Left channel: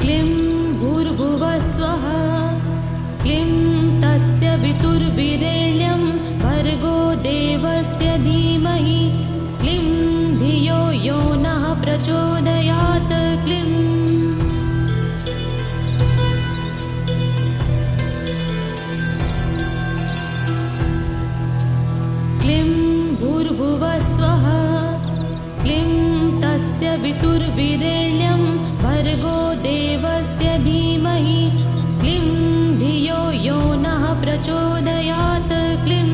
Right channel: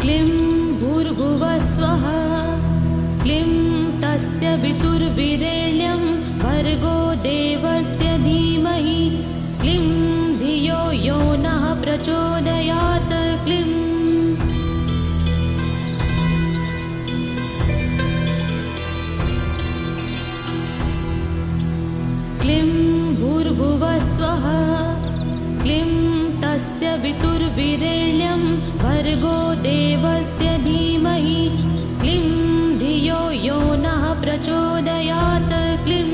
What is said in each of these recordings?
क्लीं भूर्भुवः स्वः क्लीं तस्य वितुर्वीरेण्यं भर्गो देवस्य धीमहि क्लीं धियो यो नः प्रचोदयात् क्लीं क्लीं भूर्भुवः स्वः क्लीं तस्य वितुर्वीरेण्यं भर्गो देवस्य धीमहि क्लीं धियो यो नः प्रचोदयात् क्लीं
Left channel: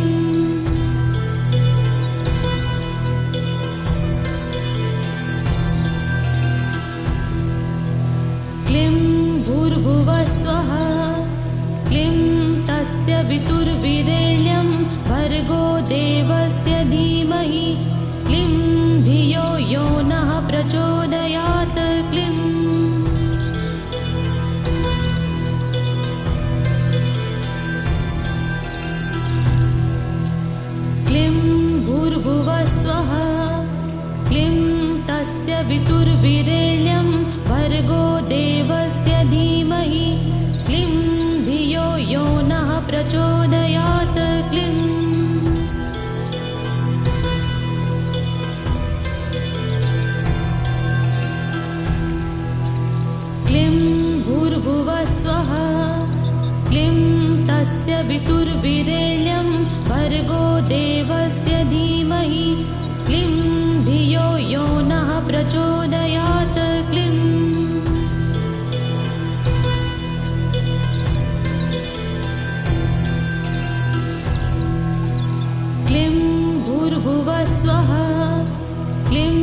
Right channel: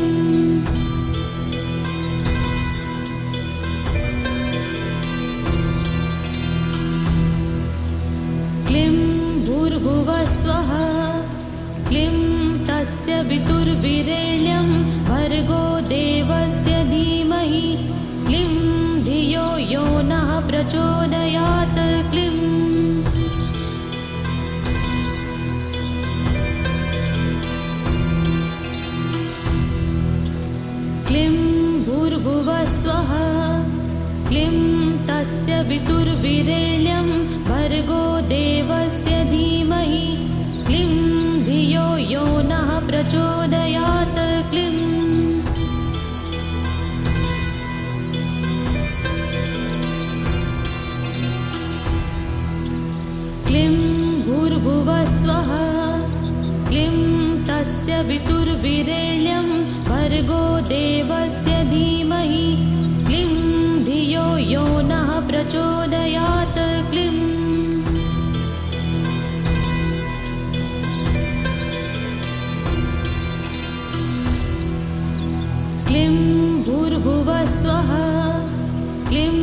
क्लीं भूर्भुवः स्वः क्लीं तस्य वितुर्वीरेण्यं भर्गो देवस्य धीमहि क्लीं धियो यो नः प्रचोदयात् क्लीं क्लीं भूर्भुवः स्वः क्लीं तस्य वितुर्वीरेण्यं भर्गो देवस्य धीमहि क्लीं धियो यो नः प्रचोदयात् क्लीं क्लीं भूर्भुवः स्वः क्लीं तस्य वितुर्वीरेण्यं भर्गो देवस्य धीमहि क्लीं धियो यो नः प्रचोदयात् क्लीं क्लीं भूर्भुवः स्वः क्लीं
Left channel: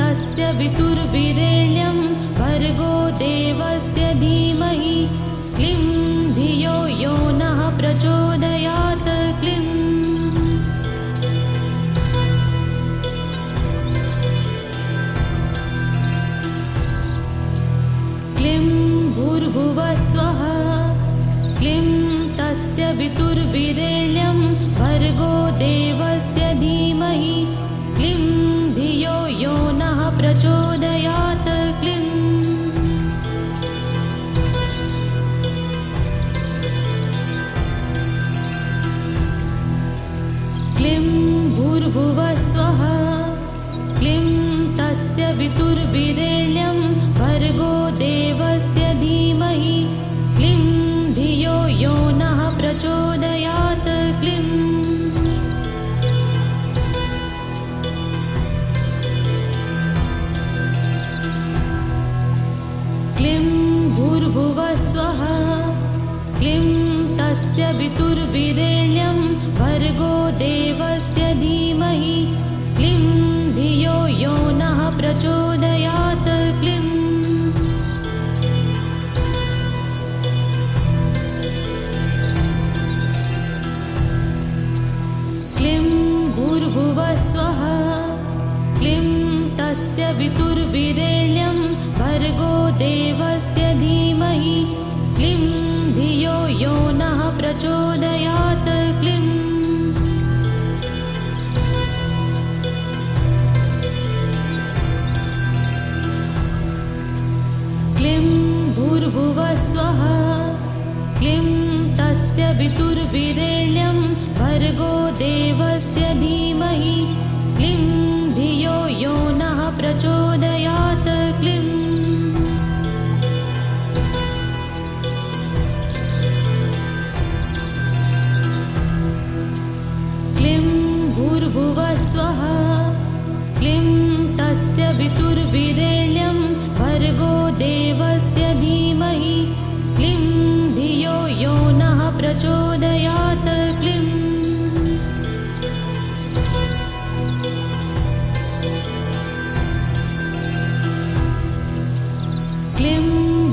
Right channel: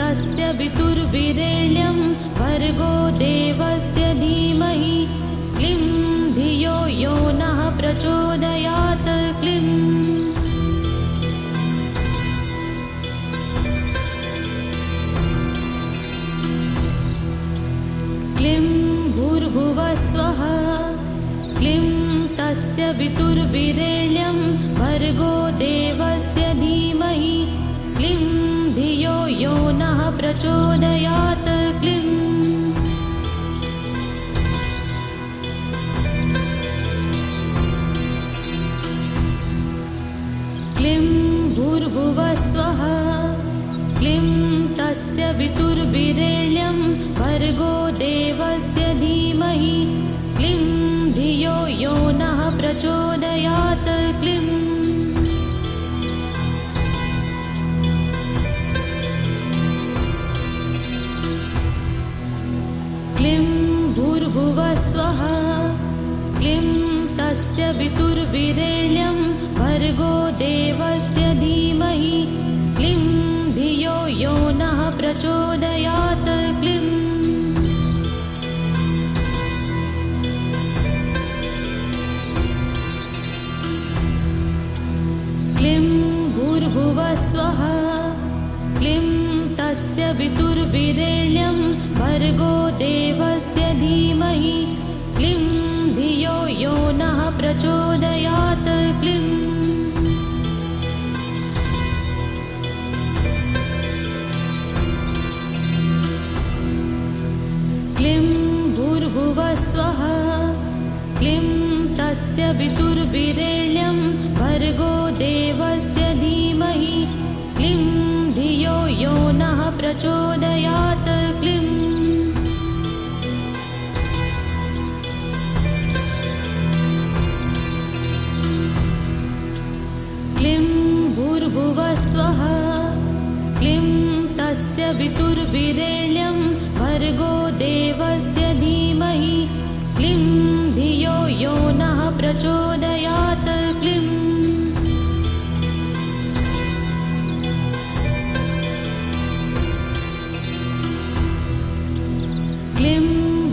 तस्य वितुर्वीरेण्यं भर्गो देवस्य धीमहि क्लीं धियो यो नः प्रचोदयात् क्लीं क्लीं भूर्भुवः स्वः क्लीं तस्य वितुर्वीरेण्यं भर्गो देवस्य धीमहि क्लीं धियो यो नः प्रचोदयात् क्लीं क्लीं भूर्भुवः स्वः क्लीं तस्य वितुर्वीरेण्यं भर्गो देवस्य धीमहि क्लीं धियो यो नः प्रचोदयात् क्लीं क्लीं भूर्भुवः स्वः क्लीं तस्य वितुर्वीरेण्यं भर्गो देवस्य धीमहि क्लीं धियो यो नः प्रचोदयात् क्लीं क्लीं भूर्भुवः स्वः क्लीं तस्य वितुर्वीरेण्यं भर्गो देवस्य धीमहि क्लीं धियो यो नः प्रचोदयात् क्लीं क्लीं भूर्भुवः स्वः क्लीं तस्य वितुर्वीरेण्यं भर्गो देवस्य धीमहि क्लीं धियो यो नः प्रचोदयात् क्लीं क्लीं भूर्भुवः स्वः क्लीं तस्य वितुर्वीरेण्यं भर्गो देवस्य धीमहि क्लीं धियो यो नः प्रचोदयात् क्लीं क्लीं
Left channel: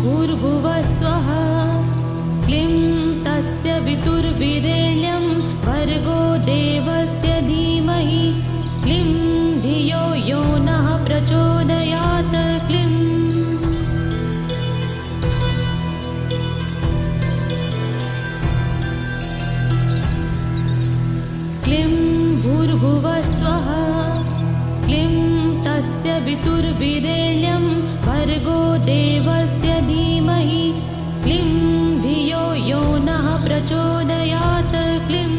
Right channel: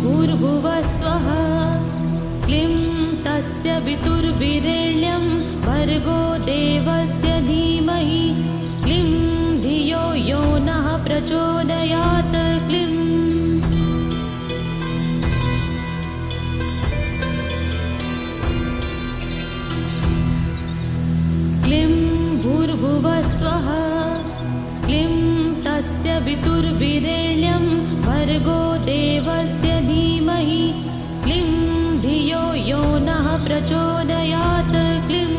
भूर्भुवः स्वः क्लीं तस्य वितुर्वीरेण्यं भर्गो देवस्य धीमहि क्लीं धियो यो नः प्रचोदयात् क्लीं क्लीं भूर्भुवः स्वः क्लीं तस्य वितुर्विरेण्यं भर्गो देवस्य धीमहि क्लीं धियो यो नः प्रचोदयात् क्लीं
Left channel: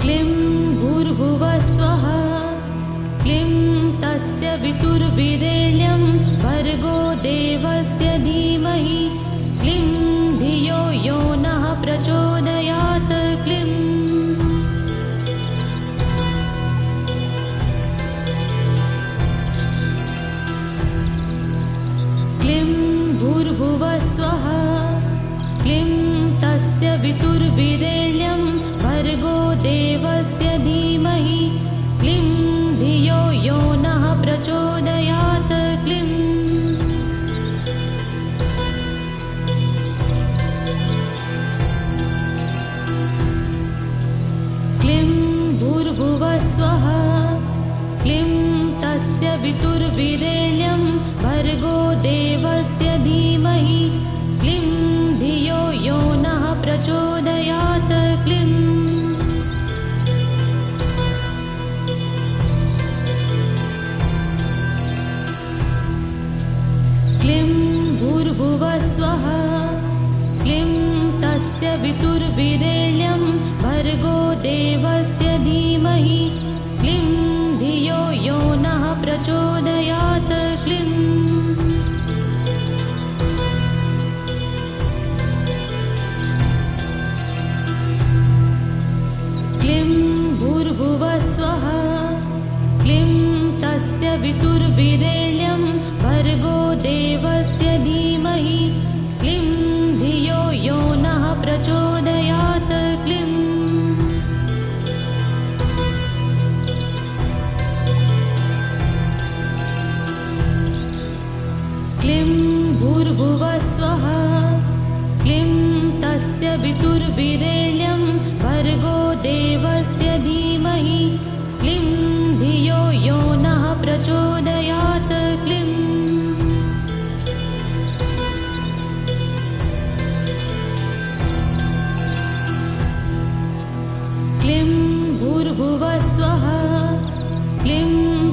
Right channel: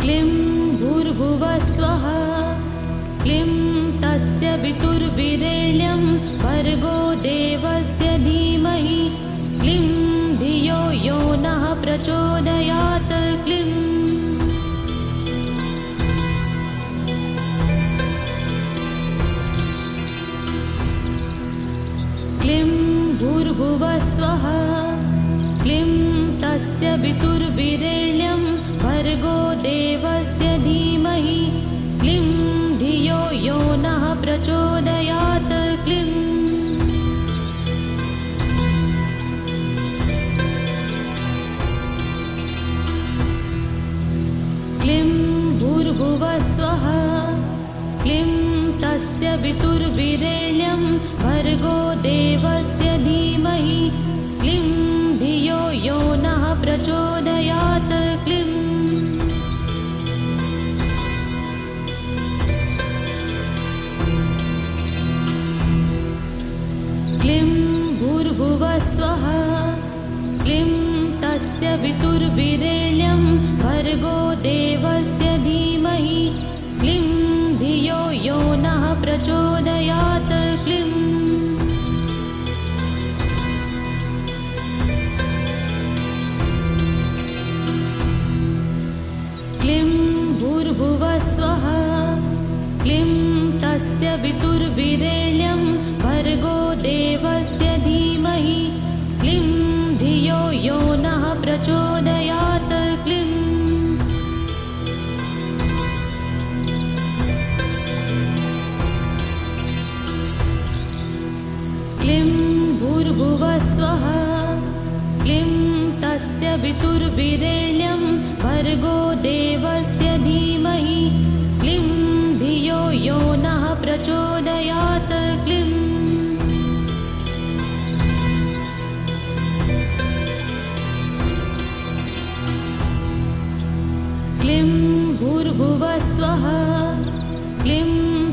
क्लीं भूर्भुवः स्वः क्लीं तस्य वितुर्विरेण्यं भर्गो देवस्य धीमहि क्लीं धियो यो नः प्रचोदयात् क्लीं क्लीं भूर्भुवः स्वः क्लीं तस्य वितुर्विरेण्यं भर्गो देवस्य धीमहि क्लीं धियो यो नः प्रचोदयात् क्लीं क्लीं भूर्भुवः स्वः क्लीं तस्य वितुर्विरेण्यं भर्गो देवस्य धीमहि क्लीं धियो यो नः प्रचोदयात् क्लीं क्लीं भूर्भुवः स्वः क्लीं तस्य वितुर्विरेण्यं भर्गो देवस्य धीमहि क्लीं धियो यो नः प्रचोदयात् क्लीं क्लीं भूर्भुवः स्वः क्लीं तस्य वितुर्विरेण्यं भर्गो देवस्य धीमहि क्लीं धियो यो नः प्रचोदयात् क्लीं क्लीं भूर्भुवः स्वः क्लीं तस्य वितुर्विरेण्यं भर्गो देवस्य धीमहि क्लीं धियो यो नः प्रचोदयात् क्लीं क्लीं भूर्भुवः स्वः क्लीं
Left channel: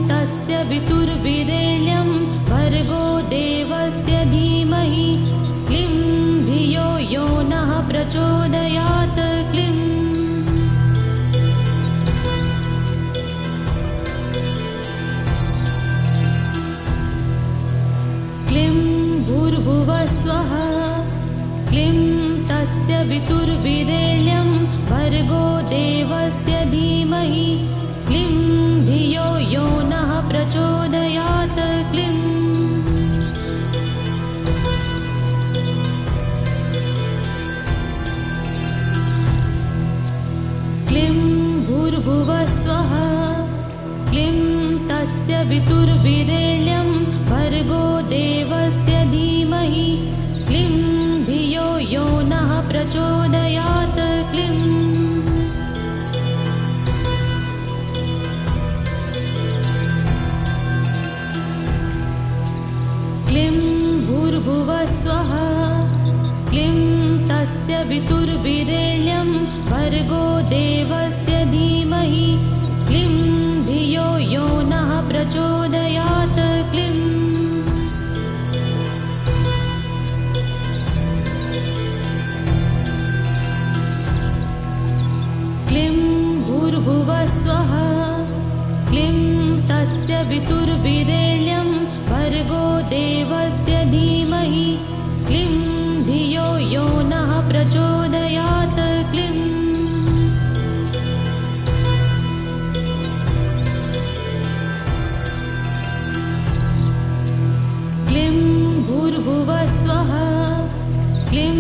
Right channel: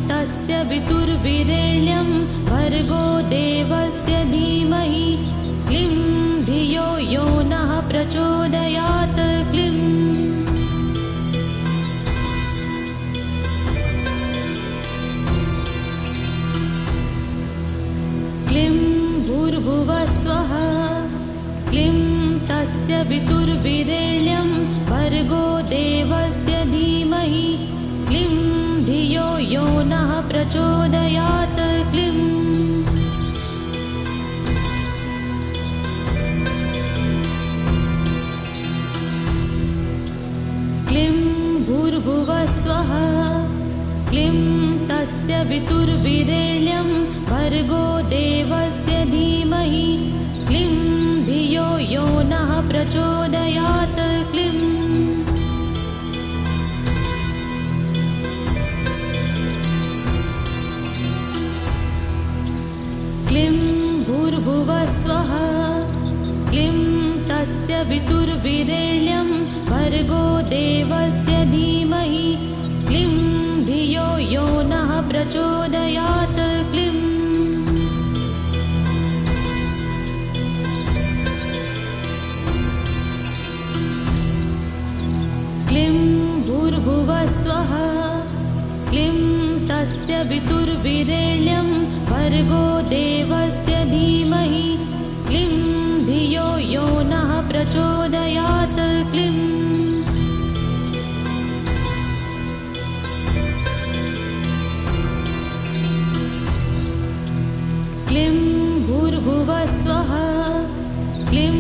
तस्य वितुर्विरेण्यं भर्गो देवस्य धीमहि क्लीं धियो यो नः प्रचोदयात् क्लीं क्लीं भूर्भुवः स्वः क्लीं तस्य वितुर्विरेण्यं भर्गो देवस्य धीमहि क्लीं धियो यो नः प्रचोदयात् क्लीं क्लीं भूर्भुवः स्वः क्लीं तस्य वितुर्विरेण्यं भर्गो देवस्य धीमहि क्लीं धियो यो नः प्रचोदयात् क्लीं क्लीं भूर्भुवः स्वः क्लीं तस्य वितुर्विरेण्यं भर्गो देवस्य धीमहि क्लीं धियो यो नः प्रचोदयात् क्लीं क्लीं भूर्भुवः स्वः क्लीं तस्य वितुर्विरेण्यं भर्गो देवस्य धीमहि क्लीं धियो यो नः प्रचोदयात् क्लीं क्लीं भूर्भुवः स्वः क्लीं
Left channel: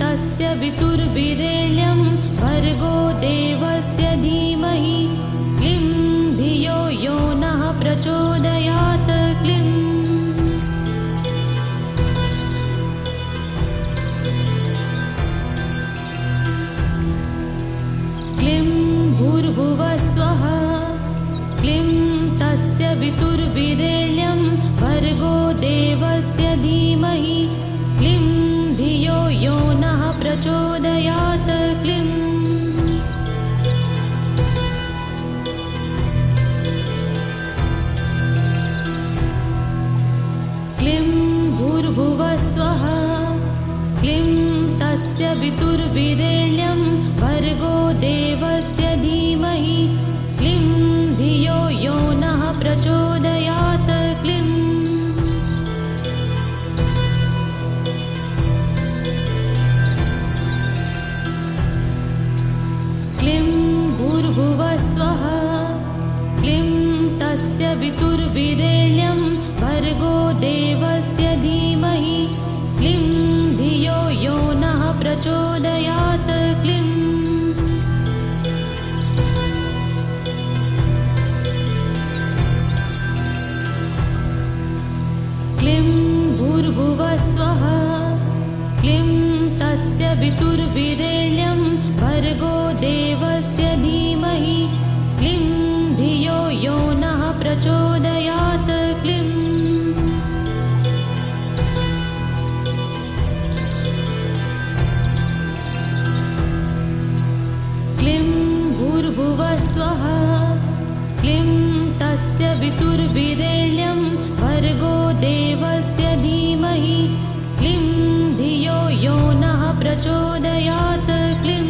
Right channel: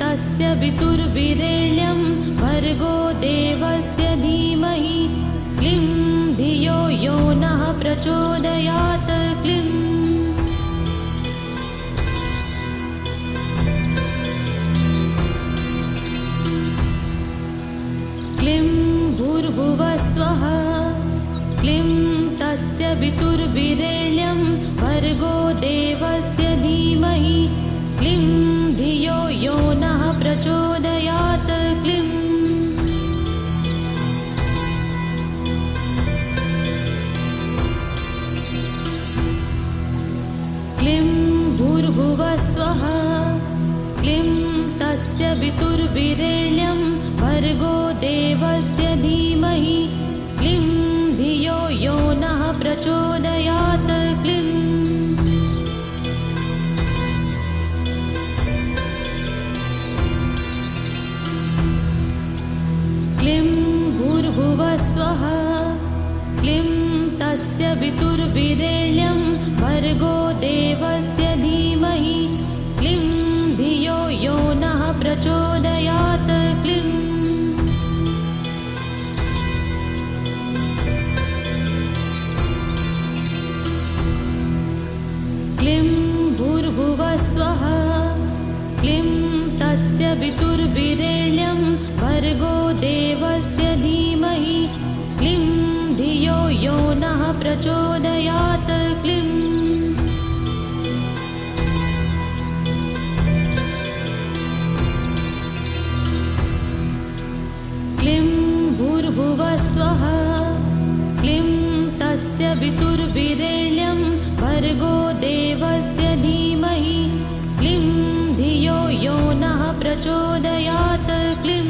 तस्य वितुर्विरेण्यं भर्गो देवस्य धीमहि क्लीं धियो यो नः प्रचोदयात् क्लीं क्लीं भूर्भुवः स्वः क्लीं तस्य वितुर्विरेण्यं भर्गो देवस्य धीमहि क्लीं धियो यो नः प्रचोदयात् क्लीं क्लीं भूर्भुवः स्वः क्लीं तस्य वितुर्वीरेण्यं भर्गो देवस्य धीमहि क्लीं धियो यो नः प्रचोदयात् क्लीं क्लीं भूर्भुवः स्वः क्लीं तस्य वितुर्वीरेण्यं भर्गो देवस्य धीमहि क्लीं धियो यो नः प्रचोदयात् क्लीं क्लीं भूर्भुवः स्वः क्लीं तस्य वितुर्वीरेण्यं भर्गो देवस्य धीमहि क्लीं धियो यो नः प्रचोदयात् क्लीं क्लीं भूर्भुवः स्वः क्लीं तस्य वितुर्वीरेण्यं भर्गो देवस्य धीमहि क्लीं धियो यो नः प्रचोदयात् क्लीं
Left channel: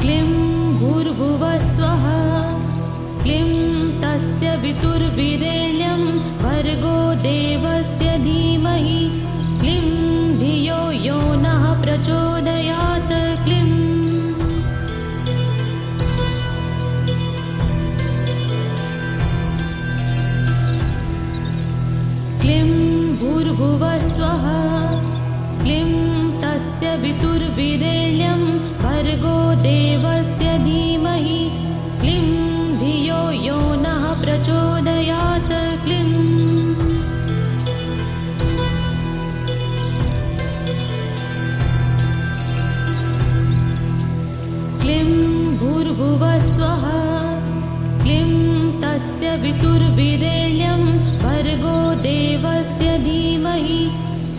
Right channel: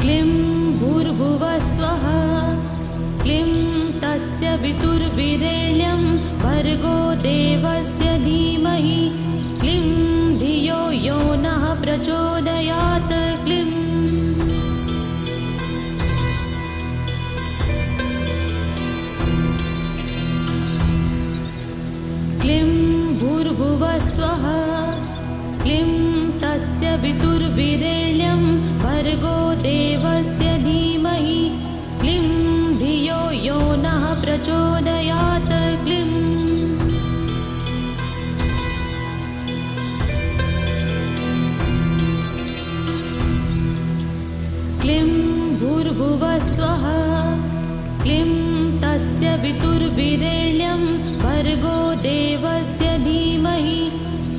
क्लीं भूर्भुवः स्वः क्लीं तस्य वितुर्वीरेण्यं भर्गो देवस्य धीमहि क्लीं धियो यो नः प्रचोदयात् क्लीं क्लीं भूर्भुवः स्वः क्लीं तस्य वितुर्वीरेण्यं भर्गो देवस्य धीमहि क्लीं धियो यो नः प्रचोदयात् क्लीं क्लीं भूर्भुवः स्वः क्लीं तस्य वितुर्वीरेण्यं भर्गो देवस्य धीमहि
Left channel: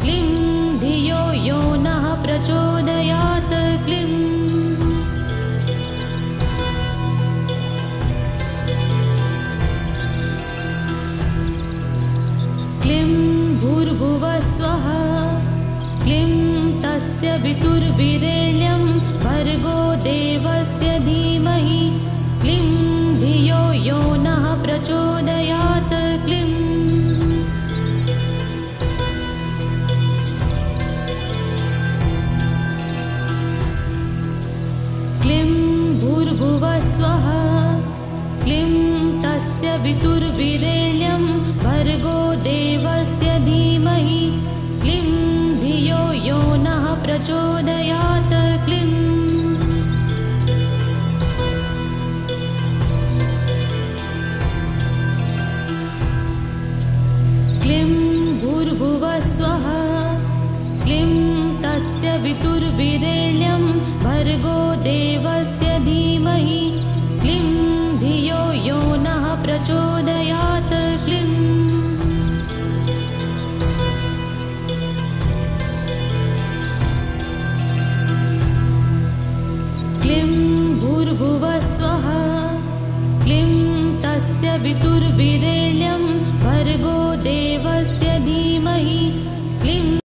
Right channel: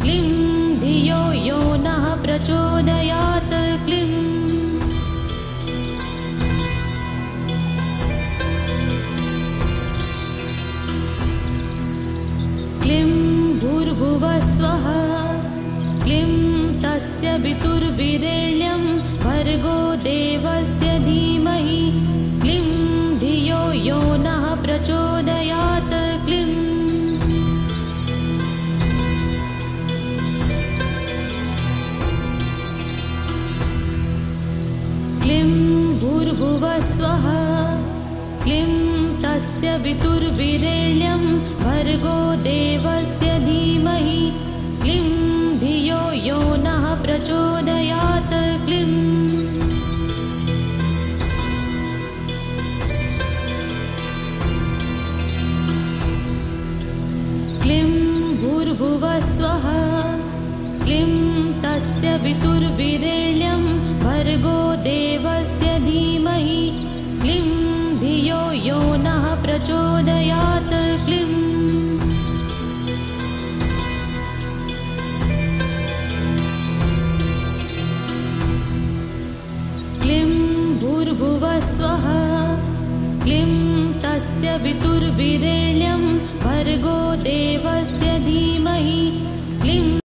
क्लीं धियो यो नः प्रचोदयात् क्लीं क्लीं भूर्भुवः स्वः क्लीं तस्य वितुर्वीरेण्यं भर्गो देवस्य धीमहि क्लीं धियो यो नः प्रचोदयात् क्लीं क्लीं भूर्भुवः स्वः क्लीं तस्य वितुर्वीरेण्यं भर्गो देवस्य धीमहि क्लीं धियो यो नः प्रचोदयात् क्लीं क्लीं भूर्भुवः स्वः क्लीं तस्य वितुर्वीरेण्यं भर्गो देवस्य धीमहि क्लीं धियो यो नः प्रचोदयात् क्लीं क्लीं भूर्भुवः स्वः क्लीं तस्य वितुर्वीरेण्यं भर्गो देवस्य धीमहि